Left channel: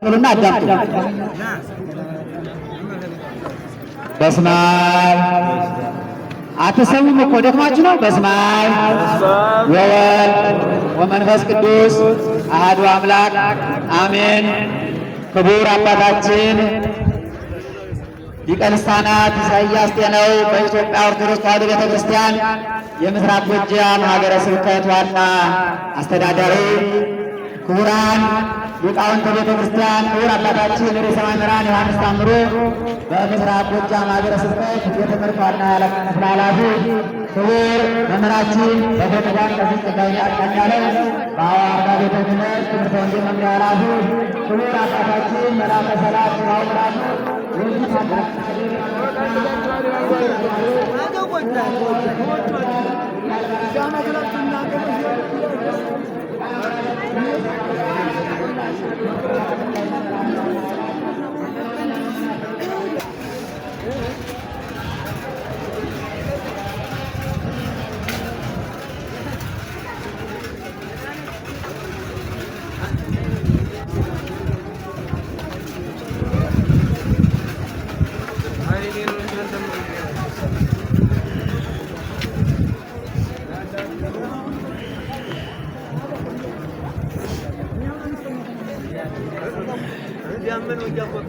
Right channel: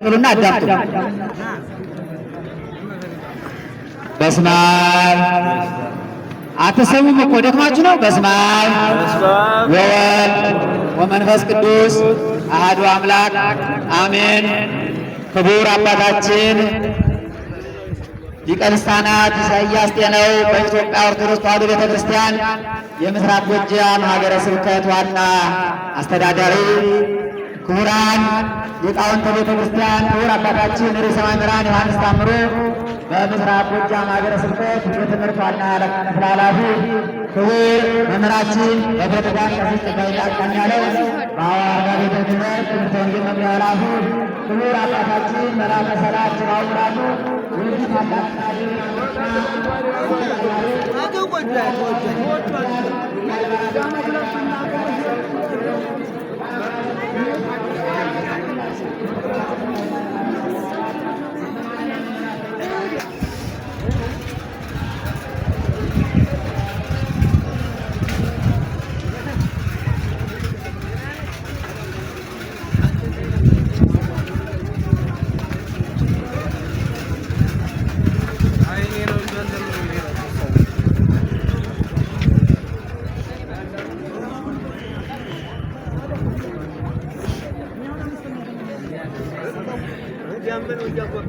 ብሉና አዳምጡ። በስመ አብ አትሰሙም እኮ ደክማችሁ ነው። በስመ አብ ወወልድ ወመንፈስ ቅዱስ አሐዱ አምላክ አሜን። ክቡር አባታችን ሊቀ ልሳናት ኢሳይያስ ጤናው በኢትዮጵያ ኦርቶዶክስ ተዋሕዶ ቤተክርስቲያን የምስራቅ ጎጃም ሀገረ ስብከት ዋና አስተዳዳሪ፣ ክቡራን ሊቃውንተ ቤተ ክርስቲያን፣ ክቡር አባታችን ርዕሰ መምህራን ዮሐንስ ታምሩ በምስራቅ ጎጃም ሀገረ ስብከት የትምህርት ዋና ክፍል ኃላፊ፣ ክቡር መምህራችን በቤተክርስቲያን ቀሲስ ጸጋዬ አቀኛለ በሐዋርያ ቤተ ክህነት ትምህርተ ወንጌል መምሪያ ኃላፊ፣ ክቡር አባታችን መላከ ሰላም ሥራው ብርሃኑ Diamond o Jacob.